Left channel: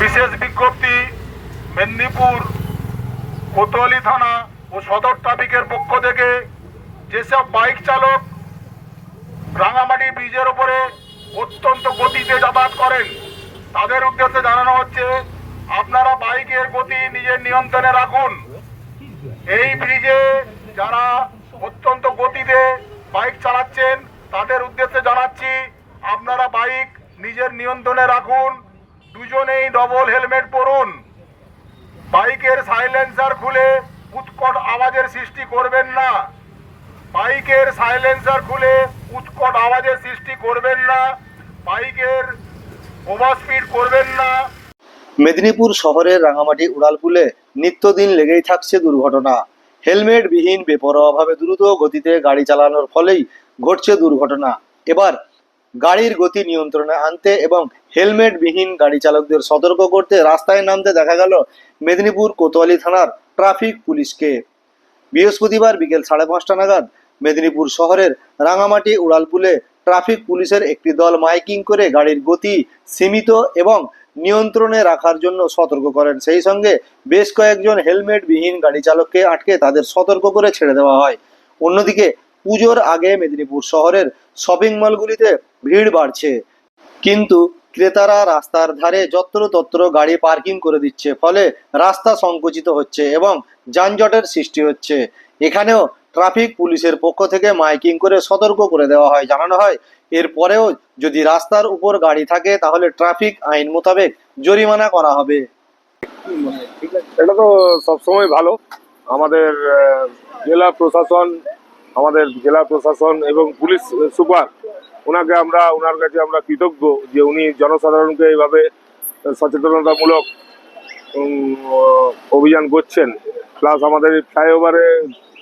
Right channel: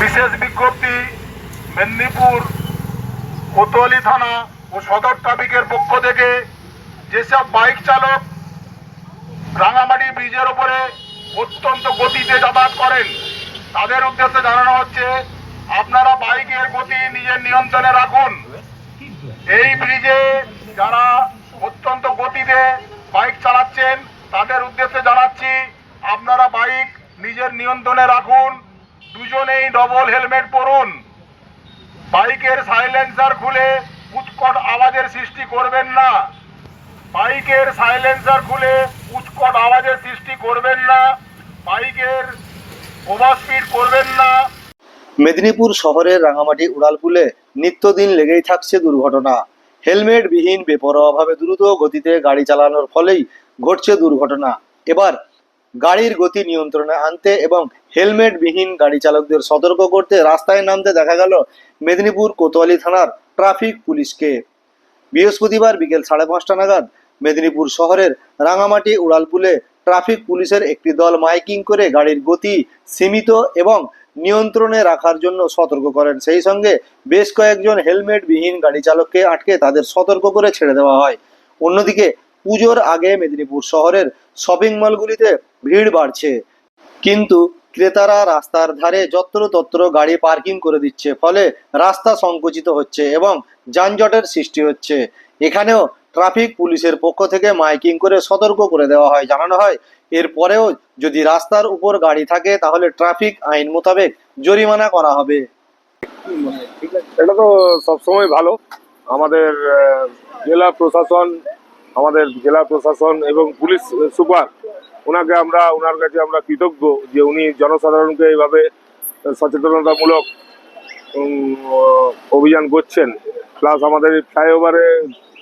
বিশেষ বিজ্ঞপ্তি মেদিনীপুর, কোতোয়ালি থানা ও সদর ট্রাফিকের পক্ষ থেকে যেসব বাইক চালক রাঙামাটি ব্রিজের ওপরে অত্যন্ত গতিতে যাতায়াত করেন, তাদের উদ্দেশ্যে জানানো হচ্ছে, আপনারা বাইকের গতি নিজের নিয়ন্ত্রণে রাখুন। এই ব্রিজে যারা অত্যন্ত গতিতে বাইক চালাচ্ছেন, তাদের উদ্দেশ্যে জানাচ্ছি, আপনারা বাইক নিজের নিয়ন্ত্রণে রাখুন। দুজনেই ডবল হেলমেট পরুন। বাইকের সাইলেন্সার খুলে উৎকট আওয়াজের সৃষ্টি করবেন না। বাইকের সাইলেন্সার খুলে উৎকট আওয়াজের সৃষ্টি করবেন না। বাইকের ওভার স্পিড করবেন না। মেদিনীপুর শহরের রাঙামাটি উড়ালপুলে নিত্যদিন লেগেই থাকছে দুর্ঘটনা। হেলমেট বিহীন বেপরোয়াভাবে দ্রুত গতিতে গাড়ি চালানোর ফলেই ঘটছে দুর্ঘটনা। এবার গাড়ির গতি নিয়ন্ত্রণে আনতে এবং হেলমেট বিহীন গাড়ি চালকদের সতর্ক করতে রাস্তায় নামতে দেখা গেল মেদিনীপুর কোতোয়ালি থানার ট্রাফিক পুলিশকে। বৃহস্পতিবার বিকেল সাড়ে পাঁচটা নাগাদ মেদিনীপুর শহরের রাঙামাটি উড়ালপুলে ট্রাফিক পুলিশের একটি দল মাইকিং করে গাড়ির গতি সীমিত এবং নিয়ন্ত্রণে রাখার জন্য সতর্ক করেন। সেই সঙ্গে বেশ কয়েকজন হেলমেট বিহীন গাড়ি চালককে আটকে তাদের সতর্ক করে ছেড়ে দেওয়া হয়। অন্যদিকে পুজোর আগে মেদিনীপুর শহরের শপিং মলগুলিতে ভিড় বাড়ছে। কিন্তু ক্রেতারা রাস্তার ধারে যত্রতত্র গাড়ি পার্কিং করে দিচ্ছে, ফলে রাস্তা সংকুচিত হচ্ছে এবং যানজটের সৃষ্টি হচ্ছে। এখানেও ট্রাফিক পুলিশের পক্ষ থেকে মাইকিং করে সতর্ক করে দেওয়া হয়। জানানো হয়, এরপরেও যদি রাস্তার উপর গাড়ি থাকে, তাহলে ট্রাফিক আইন মোতাবেক জরিমানা করা হবে। এটা তো সবসময় ভালো। আমাদের জেলা প্রশাসন আমাদের জেলা প্রশাসন এবং পুলিশ সুপার ওনাকে আমরা ওনার কাছে আমরা কৃতজ্ঞ যে উনি জনসাধারণকে এইভাবে সচেতনতামূলক অভিযান করছেন। প্লাস আমাদের ফ্লাইওভারে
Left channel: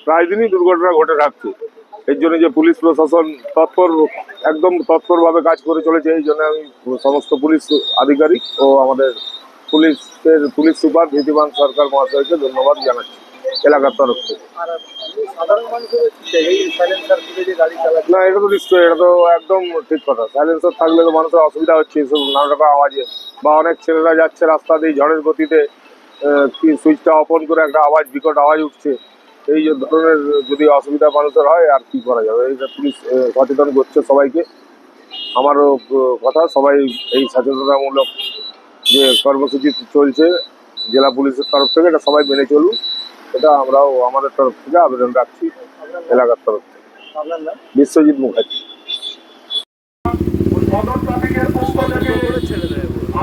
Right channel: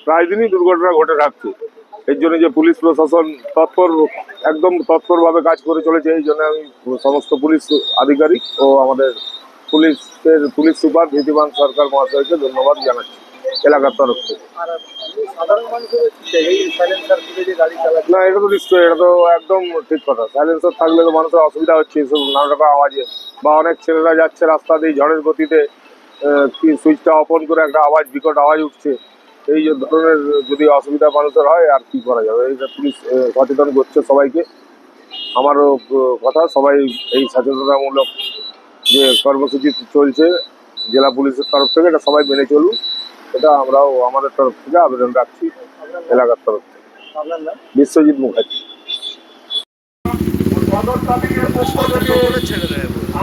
প্রায় দিনই দুর্ঘটনা ঘটে থাকছে। এর জন্য যে পুলিশ প্রশাসন তৎপর, একদম তৎপরভাবে কাজ করে চলেছে, এই জন্য আমি সমস্ত পুলিশ আধিকারিক ও আমাদের পুলিশের, পুলিশ সুপার ধীতিমান সরকার মহাশয়কে ধন্যবাদ জানাচ্ছি। এলাকার তরফ থেকে। না, এটা তো নিশ্চয়ই, এটা তো একদম ঠিক কথা। সাইলেন্সার থাকলে তো মানুষের অসুবিধা হচ্ছে এসব নানা রকম আওয়াজে। বা অনেক ছেলেরা যাচ্ছে রাস্তা দিয়ে, ঝড়ের গতিতে কি সুইচটা অপন করে একটা আওয়াজ, বিকট আওয়াজ উঠছে। এই ধরনের যদি অসুবিধা মানুষের হয়, আর কি করা যাবে? এই যে পুলিশ সচেতন করছে সবাইকে। আমারও কথা, সবাই এই সচেতনতামূলক যে কর্মসূচি চলছে জেলা পুলিশের তরফ থেকে, এটা সবাই মেনে চলুন এটা আমরাও আমাদের তরফ থেকে আবেদন রাখছি, এলাকার তরফ থেকে। বিশ্বজিৎ মুখার্জি।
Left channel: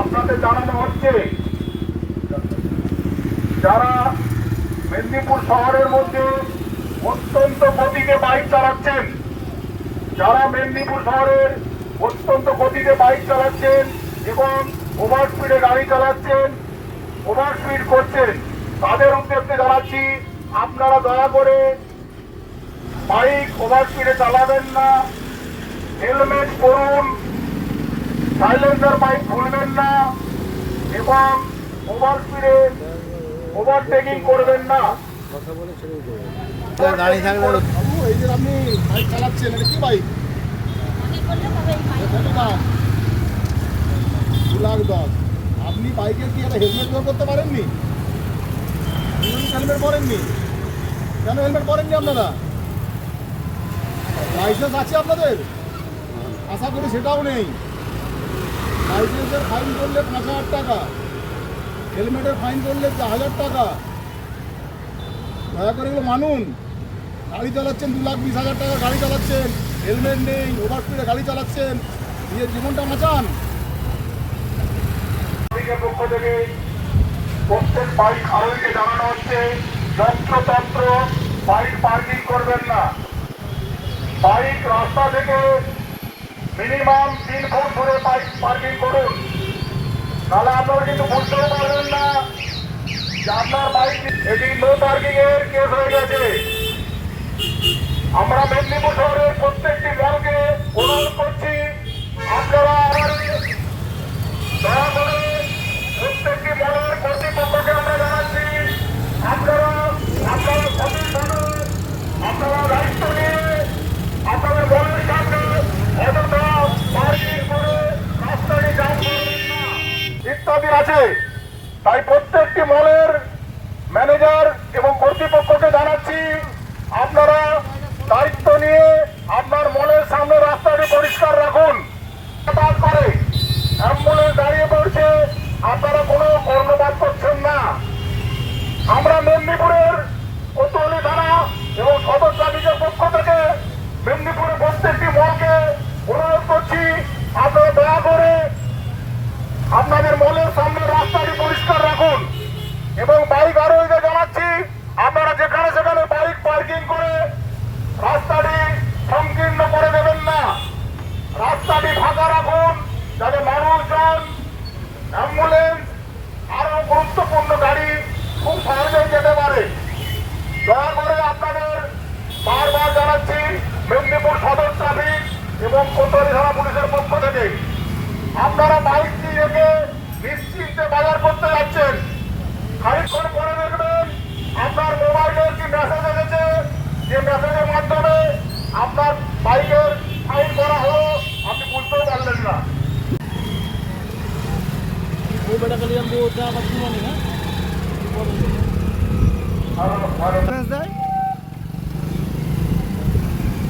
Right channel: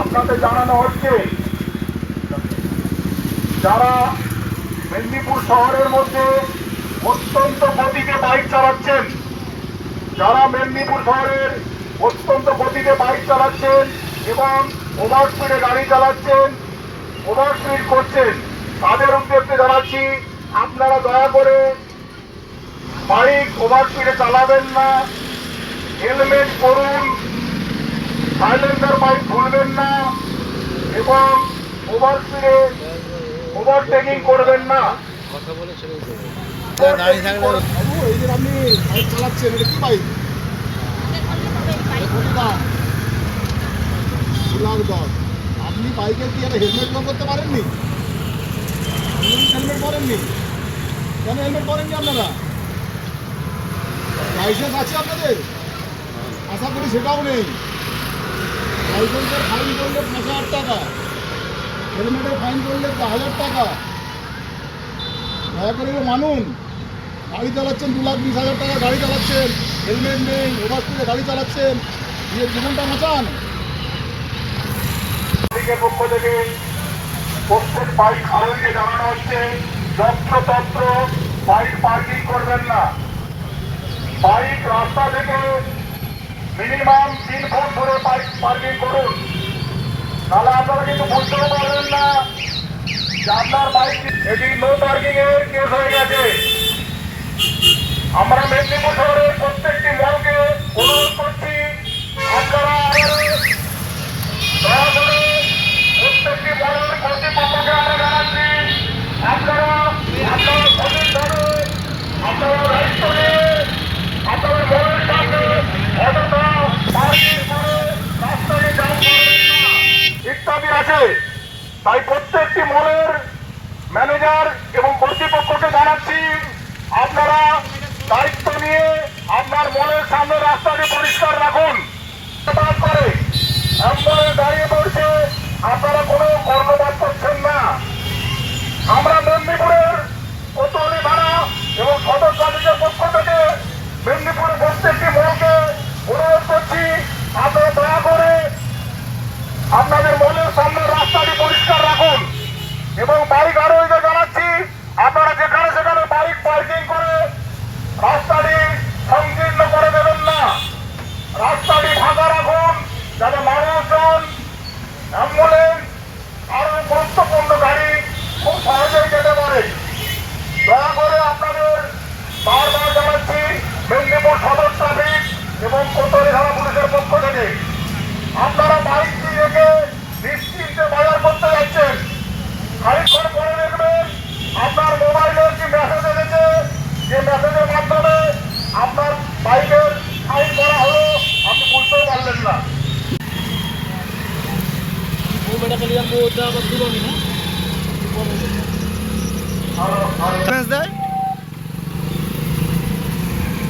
আপনাদের জানানো হচ্ছে, যারা মেদিনীপুর শহরের মধ্যে বাইক চালাচ্ছেন, যারা মেদিনীপুর শহরের গতিতে বাইক চালাচ্ছেন এবং ওভার স্পিডে গাড়ি চালাচ্ছেন, ওভার স্পিড করছেন তাদের উদ্দেশ্যে জানাচ্ছি আপনারা দয়া করে বাইক ওভার স্পিডে চালাবেন না হেলমেট পরুন সাইলেন্সার বাইক ভুলবেন না এবং ওভার স্পিডে ওভারটেকিং করবেন না। করবেন না। এই যে আপনি বাইক চালাচ্ছেন এটা কি বাইক? কত দু লাখ দশ আপনি বাইকে কি একটা হেলমেট ব্যবহার করতে পারেননি? হেলমেট পরেননি। কেন হেলমেট পরেননি আপনারা? লাইসেন্স আছে আপনাদের? আশা করি সেটাও নেই। লাইসেন্সের ফাইন করলে পাঁচ হাজার টাকা। হেলমেটের ফাইন করলে হাজার টাকা। দয়া করে এগুলো মানুন। গাড়ি চালাচ্ছেন দু লাখ বিশ হাজার টাকা গাড়ি চালাচ্ছেন। হেলমেট নেই ওভার স্পিডে গাড়ি চালাচ্ছেন। নিজের জীবনটা বাঁচান। পক্ষ থেকে প্রত্যেক বাইক আরোহীকে জানানো হচ্ছে যত্রতন্ত্র বাইক পার্কিং করবেন না। বাইক রাস্তা থেকে মিনিমাম তিন ফুট দূরে বাইক পার্কিং করুন। তাহলে আপনারা কিন্তু বুঝতেও পারবেন না যে আপনার বাইক এটি নো পার্কিং এর কেস হয়ে গেছে। আমরা মেদিনীপুর শহরের প্রত্যেকটি মলকে অনুরোধ করছি আপনারা আমাদের দয়া করে প্রত্যেকটি দলের কর্তৃপক্ষকে আমরা জানাচ্ছি আপনারা আপনারা সঠিকভাবে আপনারা দায়িত্ব নিয়ে আপনাদের দলের সামনে ইত্যাদি আছে। তাই প্রত্যেকটি মলের ম্যানেজার এবং কর্তৃপক্ষকে জানাচ্ছি, আপনারা দায়িত্ব নিয়ে আপনার মলের সামনে রাস্তাটি পরিষ্কার রাখুন। করে অ্যাম্বুলেন্স দাঁড়িয়ে পড়ছে, আপনারা কোনো কর্ণপাত করছেন না। আমরা মেদিনীপুরের কোতোয়ালি থানা এবং সদর সার্ভিসের পক্ষ থেকে মেদিনীপুরের প্রত্যেকটি মলকে অনুরোধ করছি, আপনারা দয়া করে আপনাদের মলের সামনে রাস্তাটি পরিষ্কার রাখুন এবং বাইক আরোহীকে জানাচ্ছি আপনারা যেখানে সেখানে বাইক পার্কিং করে রাস্তাটি সংকীর্ণ করে দেবেন না রাস্তাটি ফাঁকা রাখুন যাতে মানুষজন অ্যাম্বুলেন্স আরও গুরুত্বপূর্ণ গাড়ি খুব সহজেই যেতে পারে দয়া করে আপনাদের বারবার জানাচ্ছি মেদিনীপুর সদর ট্রাফিক এবং কোতোয়ালি থানা পুলিশের পক্ষ থেকে আপনারা বাইকটি রেখে নিশ্চিন্তে বাজার করতে যাচ্ছেন খানিক্ষণ পরে দেখবেন আপনার মোবাইলে একটি মেসেজ এসেছে যে মেসেজের মাধ্যমে আপনার বাইকের ফাইন করা হলো আপনি বুঝতেও পারলেন না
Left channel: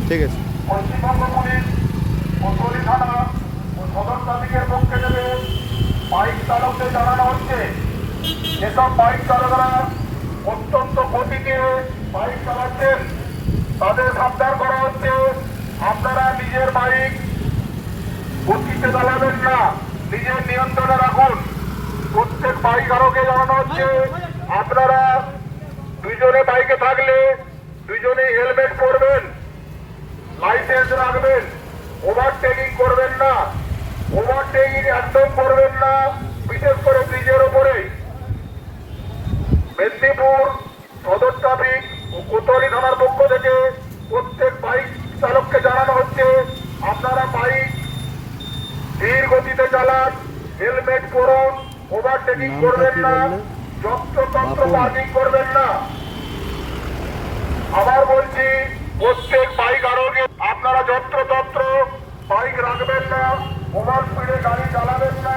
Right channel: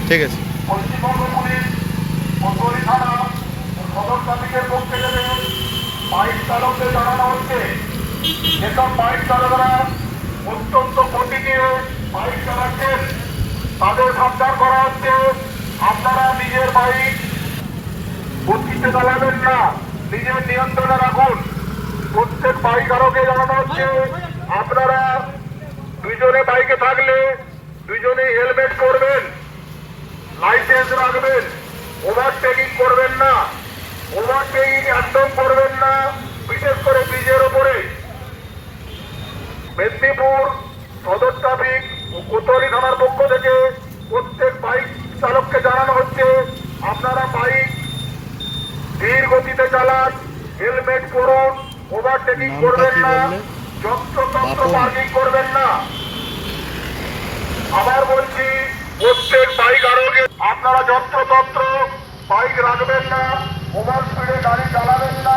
ঠিক আছে। পশ্চিমবঙ্গ পুলিশ থানা ও সদর ট্রাফিকের পক্ষ থেকে বাইক জানানো হচ্ছে যেসব বাইক চালকরা অত্যন্ত গতিতে বাইক চালাচ্ছেন তাদের সাবধান করা হচ্ছে আপনারা নিজের বাইক গতিতে চালাবেন না, নিজের নিয়ন্ত্রণে রাখুন। প্রত্যেক বাইক আরোকে জানানো হচ্ছে, আপনারা দুজনে বাইকে থাকলে দুজনে হেলমেট পরবেন লাইসেন্স রাখবেন ওভারটেকিং করবেন না ওভারটেকিং একদম করবেন না, বিশেষ করে ব্রিজের ওপরে মেদিনীপুর সদর ট্রাফিক ও কোতোয়ালি থানার পক্ষ থেকে প্রত্যেক বাইক চালককে জানানো হচ্ছে আপনারা বাইক ধীর গতিতে চালান হেলমেট পরুন ওভারটেকিং নামটা করবেন কি বললে? বাপন। করবেন না আবার বলছি প্রত্যেক বাইক আরোগ্যে আপনারা যত্রতত্র বাইক রাখবেন না ওভার স্পিডে গাড়ি চালাবেন না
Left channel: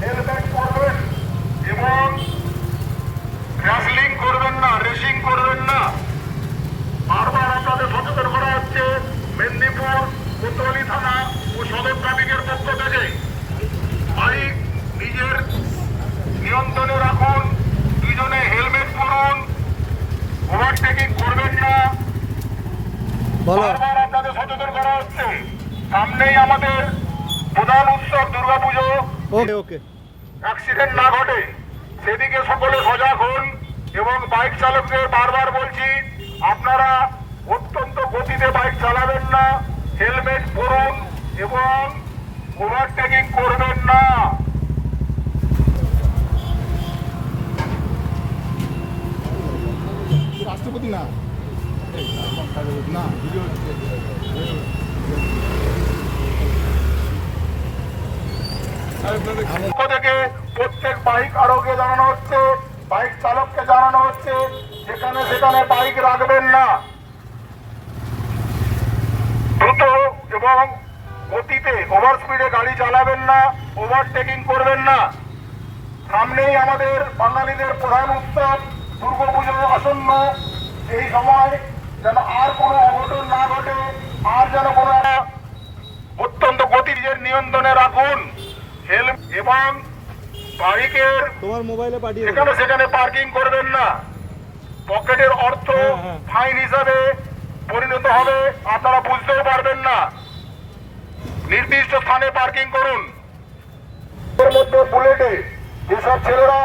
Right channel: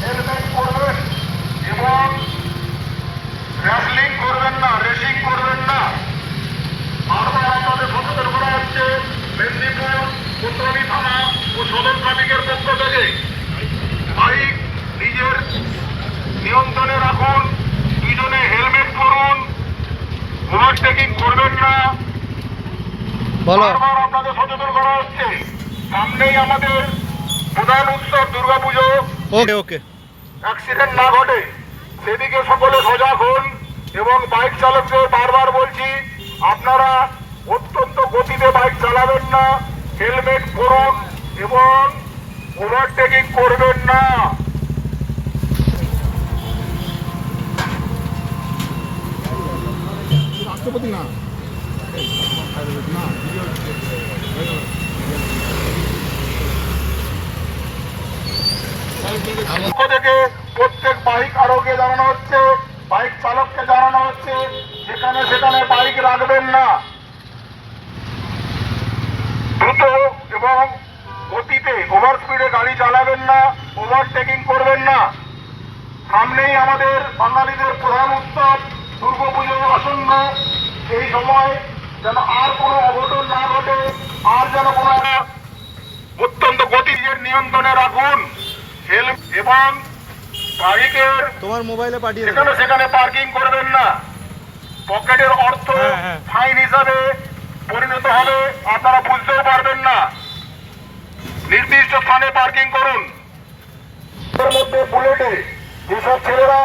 হেলমেট পরবেন এবং র্যাসলিং করবেন না রেসিং করবেন না বারবার আপনাদের সচেতন করা হচ্ছে মেদিনীপুর কোতোয়ালি থানা ও সদর ট্রাফিকের পক্ষ থেকে বাইক নিজের নিয়ন্ত্রণে রাখুন দুজনে হেলমেট পরুন ওভারটেকিং করবেন না বলো। আপনাদের সচেতন করা হচ্ছে। সামনেই আমাদের প্রধান উৎসব দুর্গাপুজো। ওকে ওকে। অ্যাক্সিডেন্ট না ঘটে সেদিকে সকলে সজাগ হন এবং বাইক চালকদের বারবার বলছি আপনারা অত্যন্ত গতিতে বাইক চালাবেন না হেলমেট পরুন এবং ওভারটেকিং করবেন না। রাষ্ট্রপতি না। না থেকে প্রত্যেক বাইক আরোগ্যে জানানো হচ্ছে, বাইক চালককে জানানো হচ্ছে সেখানে সেখানে বাইক রাখবেন না। দ্রুত এবং গতিতে ওভার স্পিডে গাড়ি চালাবেন না ওভারটেকিং করবেন না। সামনেই আমাদের বাঙালিদের প্রধান উৎসব, দুর্গাপুজো আসন্ন। এই সময় যেন আর কোনো অঘটন না ঘটে আর যেন কোনো অত্যন্ত গতির নিয়ন্ত্রণে রাখুন। এবং বাইকের তোমার মোবাইলে পাঠিয়ে সেখানে সেখানে পার্কিং করবেন না। পকেটের অর্থ হ্যাঁ, হ্যাঁ। ফাইন হিসাবে পরিণত হবে আপনারা বুঝতেও পারবেন না। নির্দিষ্ট স্থানে পার্কিং করুন। এর মধ্যে বুলেটে যেসব ছেলেরা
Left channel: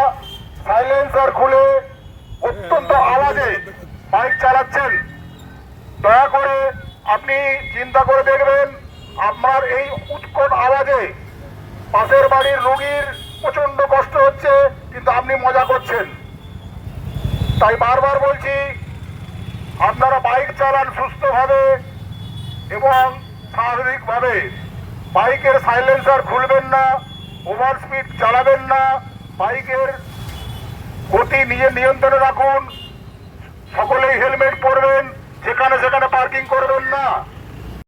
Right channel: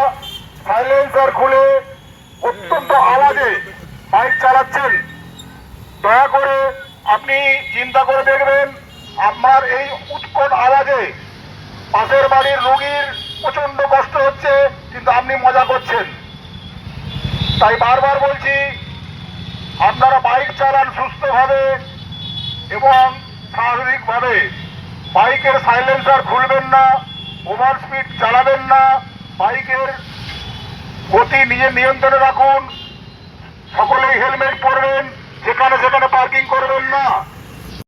সাইলেন্সার খুলে অত্যন্ত আওয়াজে বাইক চালাচ্ছেন। দয়া করে আপনি চিন্তা করে দেখবেন, আপনার এই উৎকট আওয়াজে পাশের বাড়ির রোগীর প্রচণ্ড কষ্ট হচ্ছে, কিন্তু আপনি মজা করছেন। তাই বারবার বলছি, আপনারা বাইক চালান সুস্থভাবে এবং স্বাভাবিকভাবে। বাইকের সাইলেন্সার খুলবেন না, ওভার স্পিড চালাবেন না, বাইকের গতি নিজের নিয়ন্ত্রণে রাখুন, সকলেই হেলমেট পরবেন। যেখানে সেখানে পার্কিং করবেন না।